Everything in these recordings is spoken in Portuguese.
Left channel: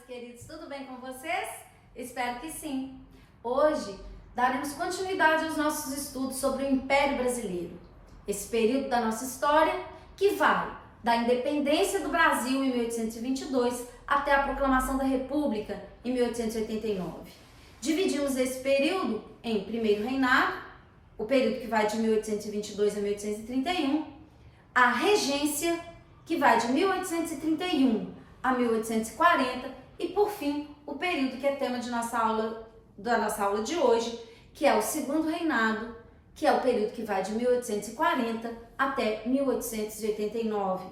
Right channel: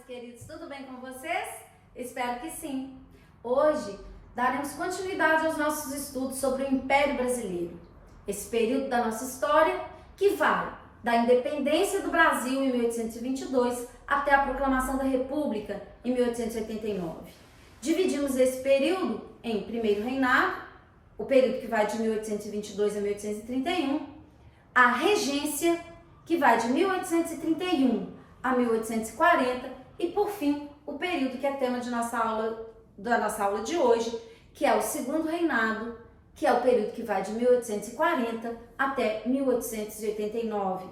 meus queridos, tudo bem com vocês? Espero que sim. Hoje daremos continuidade aos nossos estudos sobre o Império Brasileiro, esse período da nossa história que vai da independência do Brasil em 1822 até a proclamação da República em 1889. Dividimos esse período em primeiro reinado, o período que vai de 1822 a 1831, a regência, que vai de 1831 a 1840, e por fim, o período que é tema de da nossa aula de hoje, que é o segundo reinado, que é o período que vai de 1840 até 1889.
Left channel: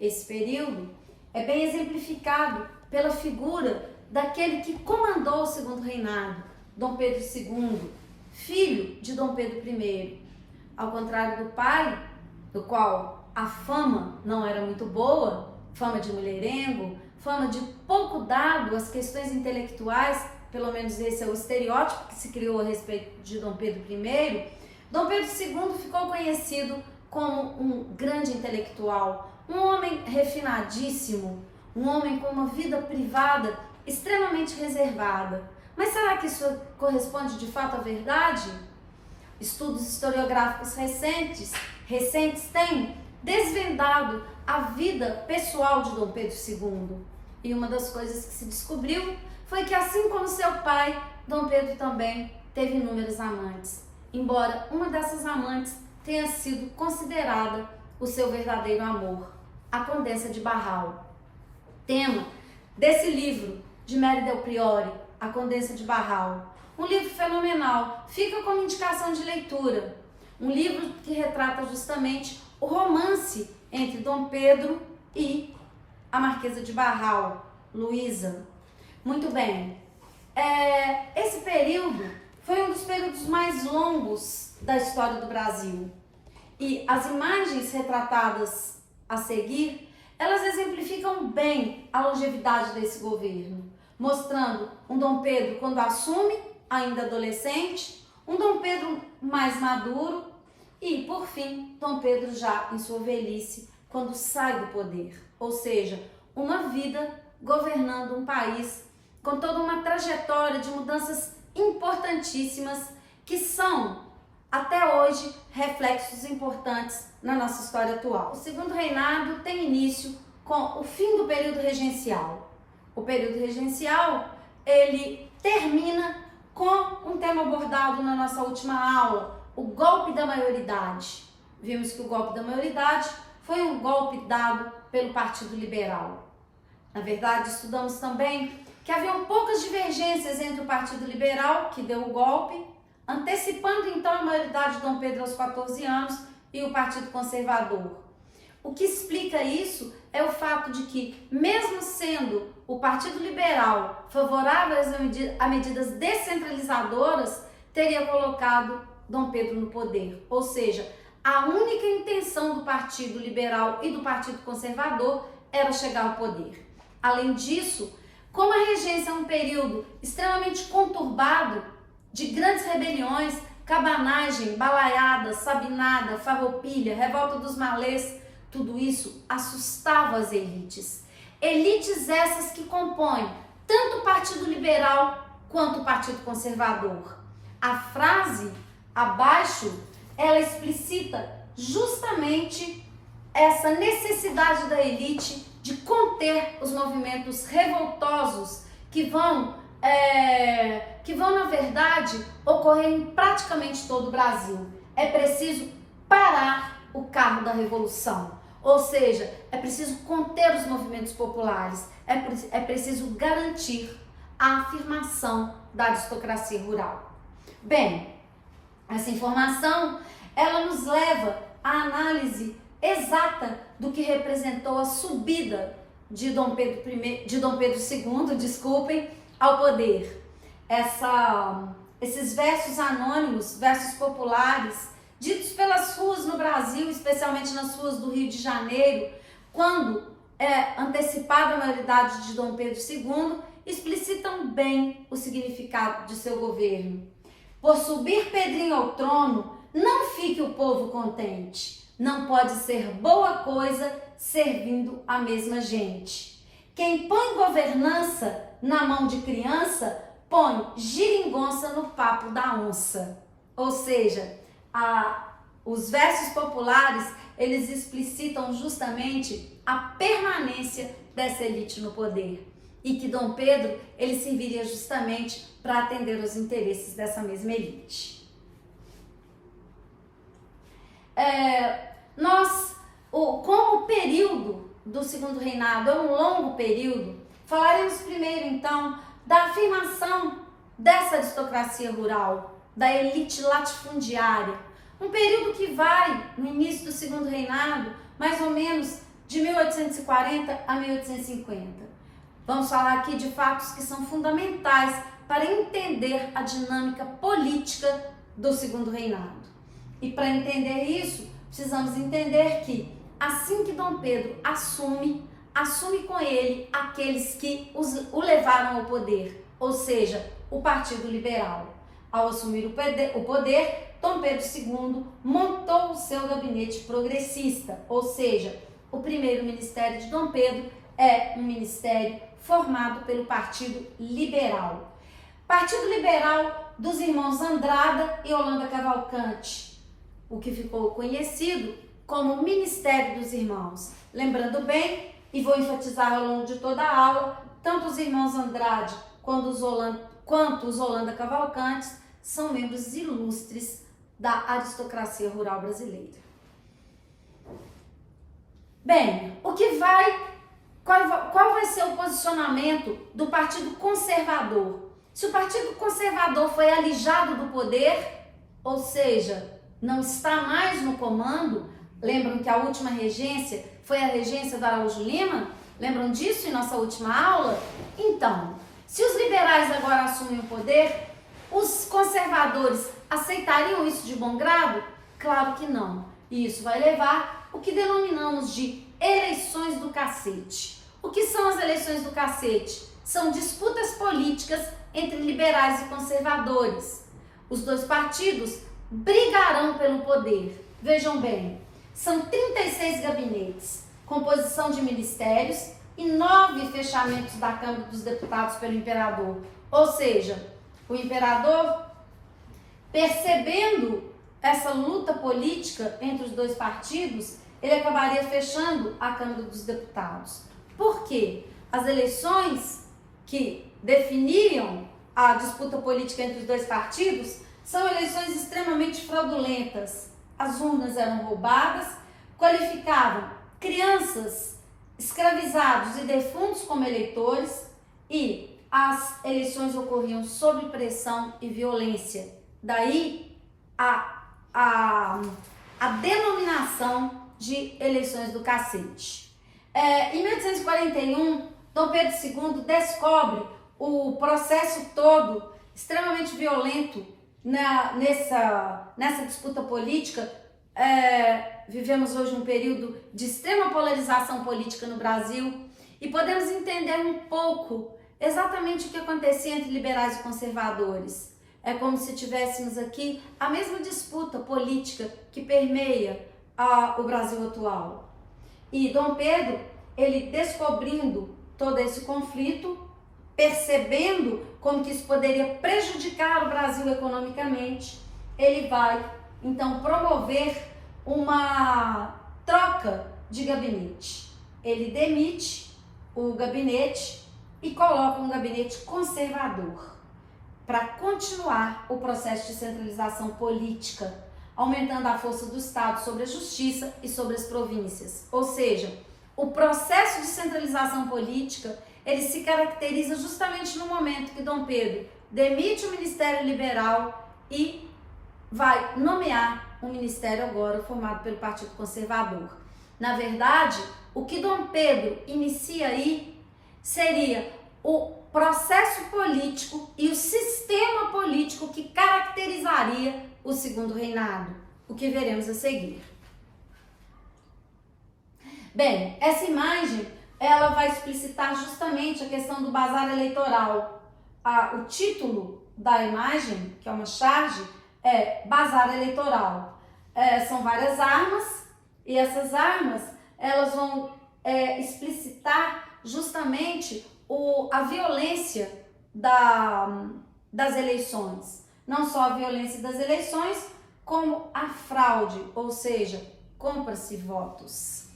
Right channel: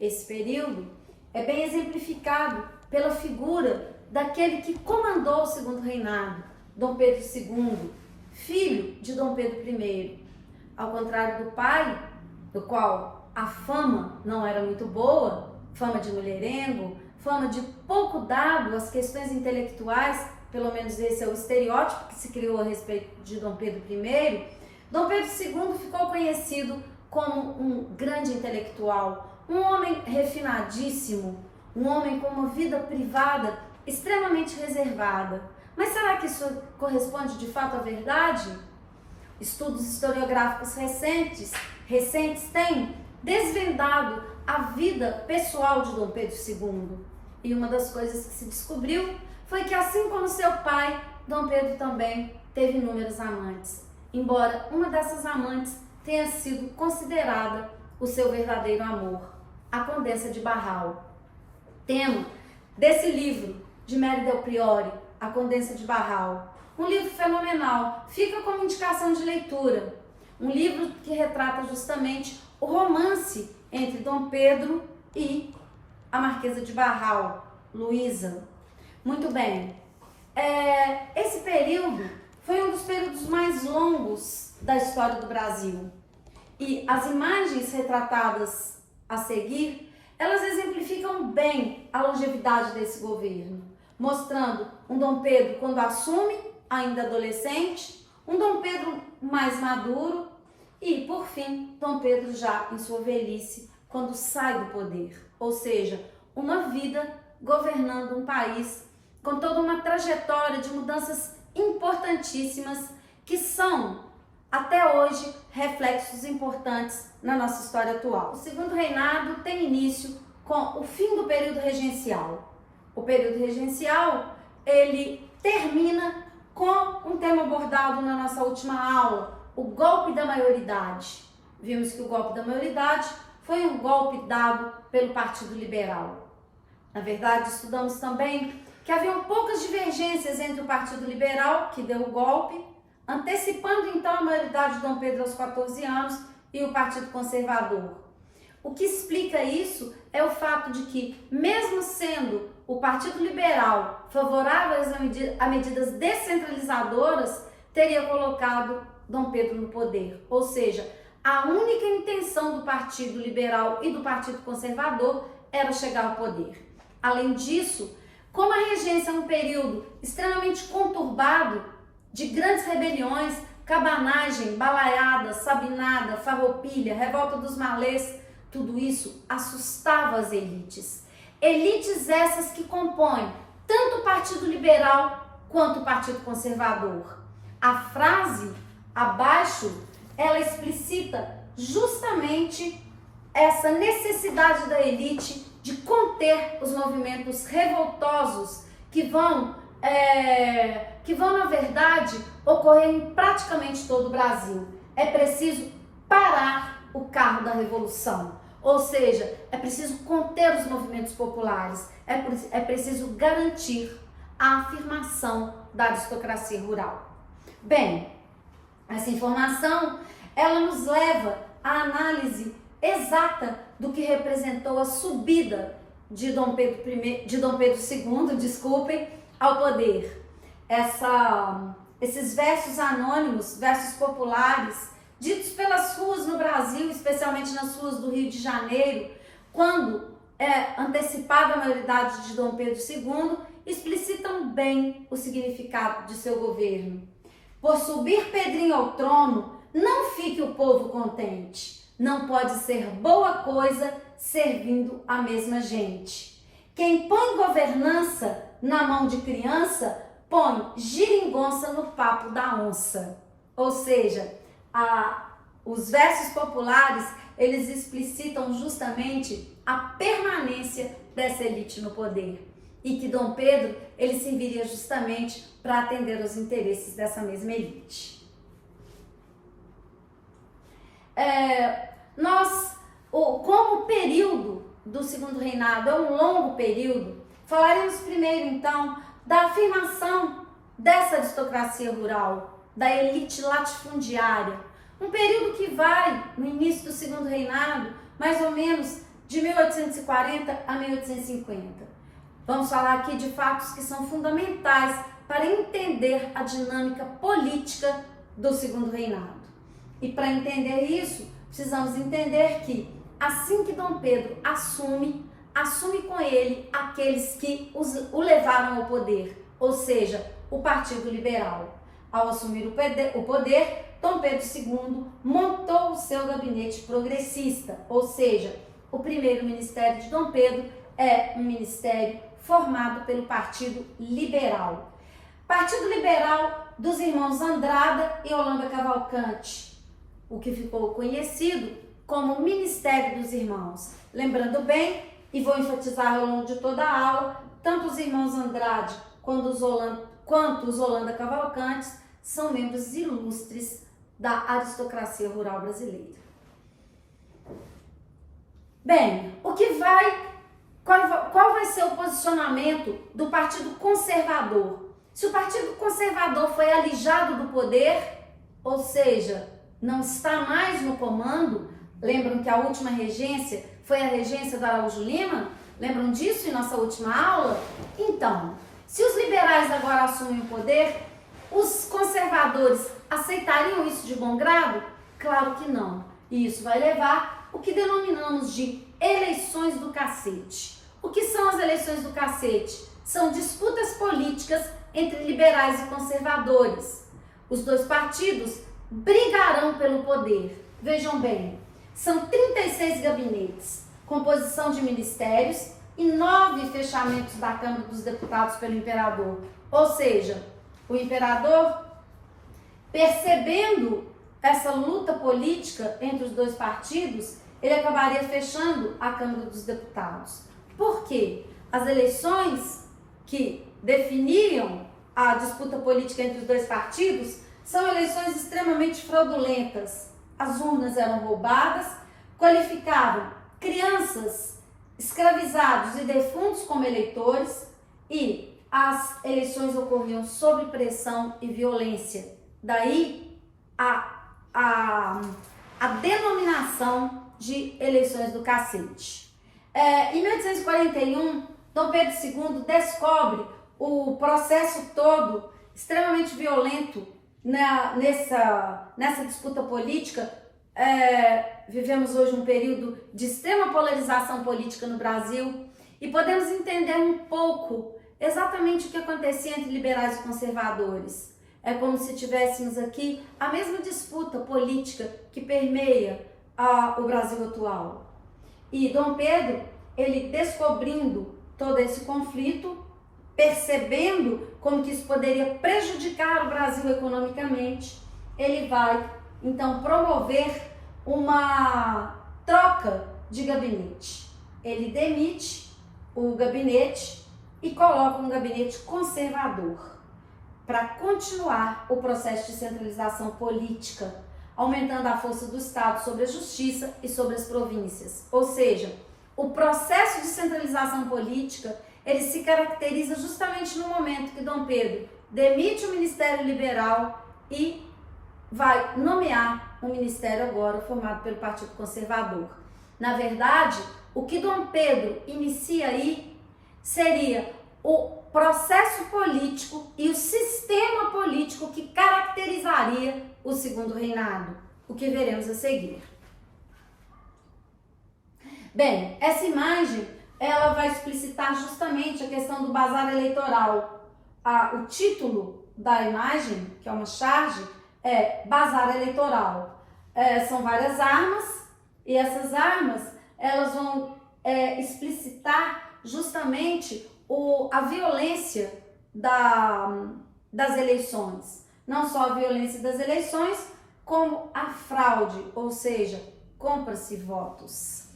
Esse período é bem exemplificado pela figura daquele que comandou o segundo reinado, Dom Pedro II, filho de Dom Pedro I. Ao contrário do pai, do qual a fama não era muito boa, fama de mulherengo, fama de pouco dado às questões intelectuais, pelo menos esse é o estereótipo que se criou a respeito de Dom Pedro I, Dom Pedro II ficou conhecido como um grande intelectual, um homem refinadíssimo, um homem com uma vida privada extremamente reservada. Mas será que isso corresponde de fato à verdade? Estudos historiográficos recentes têm desvendado a vida pessoal de Dom Pedro II. E uma das coisas que se descobriu foi que, assim como seu pai, Dom Pedro também teve inúmeras amantes, embora uma dessas amantes tenha sido considerada o seu verdadeiro amor, a Condessa de Barral. Tema desse livro de Mary Del Priore, A Condessa de Barral. Um livro fenomenal, fica como indicação de leitura. Um livro que retrata justamente o romance entre Dom Pedro e a Marquesa de Barral, Luísa. Muito bem, esse período foi um dos períodos mais longos da história do Brasil. E as imagens retratadas a seguir, elas exemplificam bem a longevidade desse governo, mostrando um Dom Pedro quando assume, ainda adolescente, um Dom Pedro mais maduro e, por fim, Dom Pedro já em sua velhice, quando sai do poder. Ou seja, uma vida governando um país com toda uma trajetória de mudanças importantíssimas que são, até hoje, reflexos importantes na nossa história atual. O segundo reinado tem início com o fim do período regencial. O período regencial, ele termina com um tema abordado na nossa última aula, o golpe da maioridade. Vimos que o golpe da maioridade foi um golpe dado pelo Partido Liberal. Na verdade, estudamos também que haviam poucas divergências entre o Partido Liberal, que deu o golpe, antecipando então a maioridade de Dom Pedro aos 14 anos, e o Partido Conservador. O que explica isso é o fato de que, mesmo sendo o Partido Liberal favorável a medidas descentralizadoras, teria colocado Dom Pedro no poder. Ou seja, a única intenção do Partido Liberal e do Partido Conservador era chegar ao poder. Além disso, como a regência é um período extremamente conturbado, de grandes rebeliões, cabanagem, balaiada, sabinada, farroupilha, revolta dos malês, tudo isso assustava as elites. Elites essas que compõem tanto o Partido Liberal quanto o Partido Conservador. A frase abaixo, ela explicita justamente essa necessidade da elite de conter os movimentos revoltosos que vão, na verdade, ocorrer em praticamente todo o Brasil. É preciso parar o carro da revolução, ou seja, é preciso conter os movimentos populares, é preciso garantir a afirmação da aristocracia rural. Bem, essa informação, ela nos leva à análise exata do que representou a subida de Dom Pedro II, ao poder. Esses versos anônimos, versos populares, ditos pelas ruas no Brasil, especialmente nas ruas do Rio de Janeiro, quando antecipada a maioridade de Dom Pedro II, explicitam bem o significado de seu governo. Por subir Pedrinho ao trono, não fique o povo contente. Não pode ser boa coisa servindo a mesma gente. Quem põe governança na mão de criança, põe geringonça no papo da onça. Ou seja, os versos populares, eles explicitam justamente a permanência dessa elite no poder. E que Dom Pedro, ele serviria justamente para atender os interesses dessa mesma elite. Como o período do Segundo Reinado é um longo período, falaremos primeiro, então, da afirmação dessa aristocracia rural, da elite latifundiária. Um período que vai, no início do Segundo Reinado, mais ou menos de 1840 a 1850. Vamos falar aqui de fatos que são fundamentais para entender a dinâmica política do Segundo Reinado. E para entender isso, precisamos entender que, assim que Dom Pedro assume com ele aqueles que o levaram ao poder, ou seja, o Partido Liberal. Ao assumir o poder, Dom Pedro II montou o seu gabinete progressista, ou seja, o primeiro ministério de Dom Pedro é um ministério formado pelo Partido Liberal. Partido Liberal dos irmãos Andrada e Holanda Cavalcante, o que ficou conhecido como Ministério dos Irmãos. Lembrando bem, e vou enfatizar ao longo de toda a aula, tanto os irmãos Andrade quanto os Holanda Cavalcantes são membros ilustres da aristocracia rural brasileira. Bem, qual vai ser o posicionamento do Partido Conservador? Se o Partido Conservador foi alijado do poder, ou seja, não está mais no comando, lembram que a última regência foi a regência do Araújo Lima? Lembram disso em nossa última aula? Então, se os liberais agora assumem o poder, os conservadores aceitariam isso de bom grado? Claro que não. E isso vai levar o que denominamos de eleições do cacete. O que são as eleições do cacete? São disputas políticas entre liberais e conservadores. Os dois partidos brigarão pelo poder. Vejam bem, são 36 gabinetes, composição de ministérios e 9 fechamentos da Câmara dos Deputados pelo imperador. Ou seja, o imperador, percebendo essa luta política entre os dois partidos, ele acabaria fechando a Câmara dos Deputados. Por quê? As eleições que definiam a disputa política entre os dois partidos são eleições extremamente fraudulentas. As urnas eram roubadas, qualificavam crianças, escravizados e defuntos como eleitores, e as eleições ocorriam sob pressão e violência. Daí a denominação de eleições do cacete. Em 1841, Dom Pedro II descobre o processo todo extremamente violento nessa disputa política. Vivemos hoje um período de extrema polarização política no Brasil e podemos entender um pouco exatamente o que acontecia entre liberais e conservadores. É como se tivéssemos aqui a mesma disputa política que permeia o Brasil atual. E Dom Pedro, ele descobrindo todo esse conflito, percebendo como que isso poderia prejudicar o Brasil economicamente, ele vai então promover uma troca de gabinete. Ele demite o gabinete e coloca um gabinete conservador para continuar o processo de centralização política, aumentando a força do Estado sobre a justiça e sobre as províncias. Ou seja, o processo de centralização política, ele se caracteriza justamente no momento que Dom Pedro demite o Ministério Liberal e vai nomear um ministério agora formado pelo Partido Conservador. Na verdade, o que Dom Pedro inicia aí seria o processo político e o sistema político que caracterizaria o Segundo Reinado, o que veremos a seguir. Bem, essa imagem, ela vai explicitar justamente a questão do bazar eleitoral. O título da imagem, que é uma charge, é Bazar Eleitoral. São várias armas, e essas armas, elas vão explicitar justamente a violência das eleições. Não só a violência das eleições, como a fraude, ou seja, compra-se votos.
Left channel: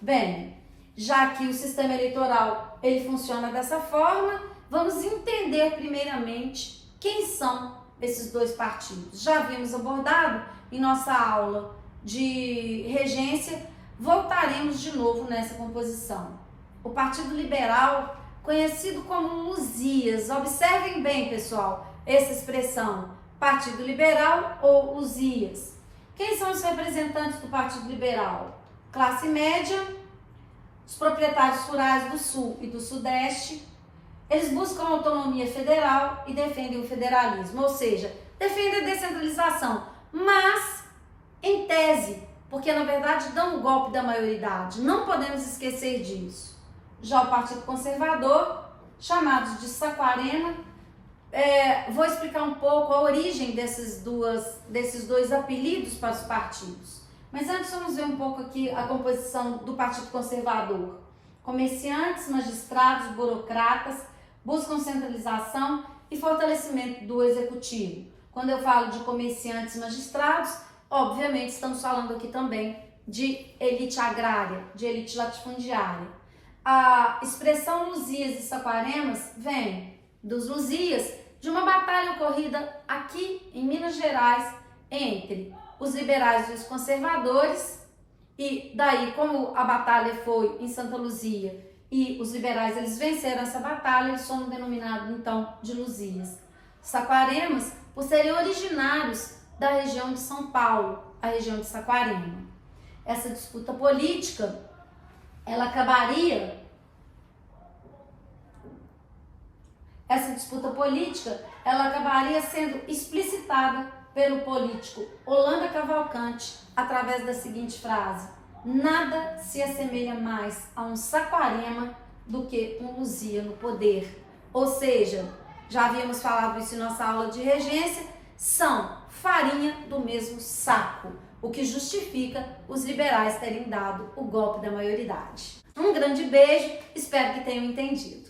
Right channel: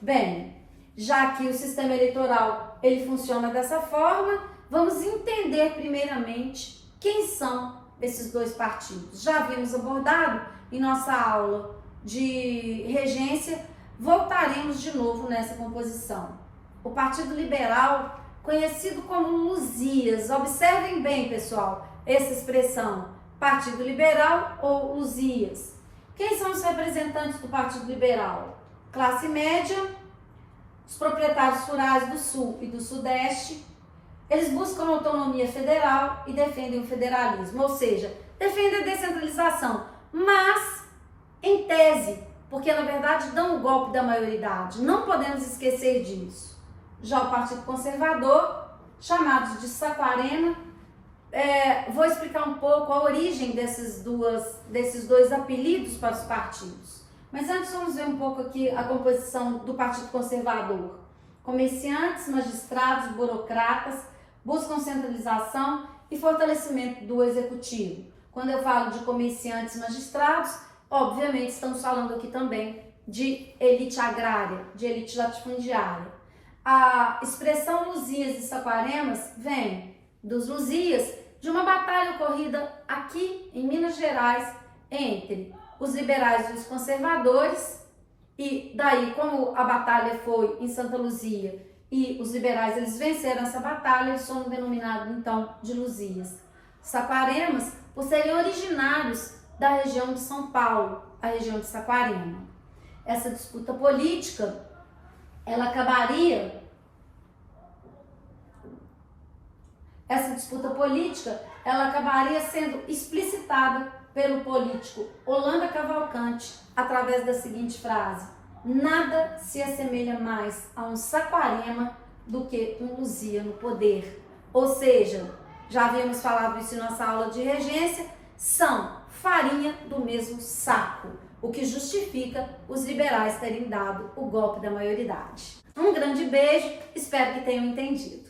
Bem, já que o sistema eleitoral ele funciona dessa forma, vamos entender primeiramente quem são esses dois partidos. Já havíamos abordado em nossa aula de regência, voltaremos de novo nessa composição. O Partido Liberal, conhecido como Luzias, observem bem, pessoal, essa expressão, Partido Liberal ou Luzias. Quem são os representantes do Partido Liberal? Classe média, os proprietários rurais do Sul e do Sudeste. Eles buscam autonomia federal e defendem o federalismo, ou seja, defendem a descentralização, mas em tese, porque na verdade dão o golpe da maioridade, não podemos esquecer disso. Já o Partido Conservador, chamados de Saquarema, vou explicar um pouco a origem desses dois apelidos para os partidos. Mas antes vamos ver um pouco aqui a composição do Partido Conservador. Comerciantes, magistrados, burocratas buscam centralização e fortalecimento do executivo. Quando eu falo de comerciantes e magistrados, obviamente estamos falando aqui também de elite agrária, de elite latifundiária. A expressão Luzias e Saquaremas vem dos Luzias, de uma batalha ocorrida aqui em Minas Gerais entre os liberais e os conservadores, e daí, como a batalha foi em Santa Luzia e os liberais eles venceram essa batalha, eles foram denominados então de Luzias. Saquaremas, por serem originários da região de São Paulo, a região de Saquarema. Essa disputa política, ela acabaria sendo explicitada pelo político Holanda Cavalcante através da seguinte frase: nada se assemelha mais a um Saquarema do que um Luzia no poder. Ou seja, já havíamos falado isso em nossa aula de regência, são farinha do mesmo saco, o que justifica os liberais terem dado o golpe da maioridade. Um grande beijo, espero que tenham entendido.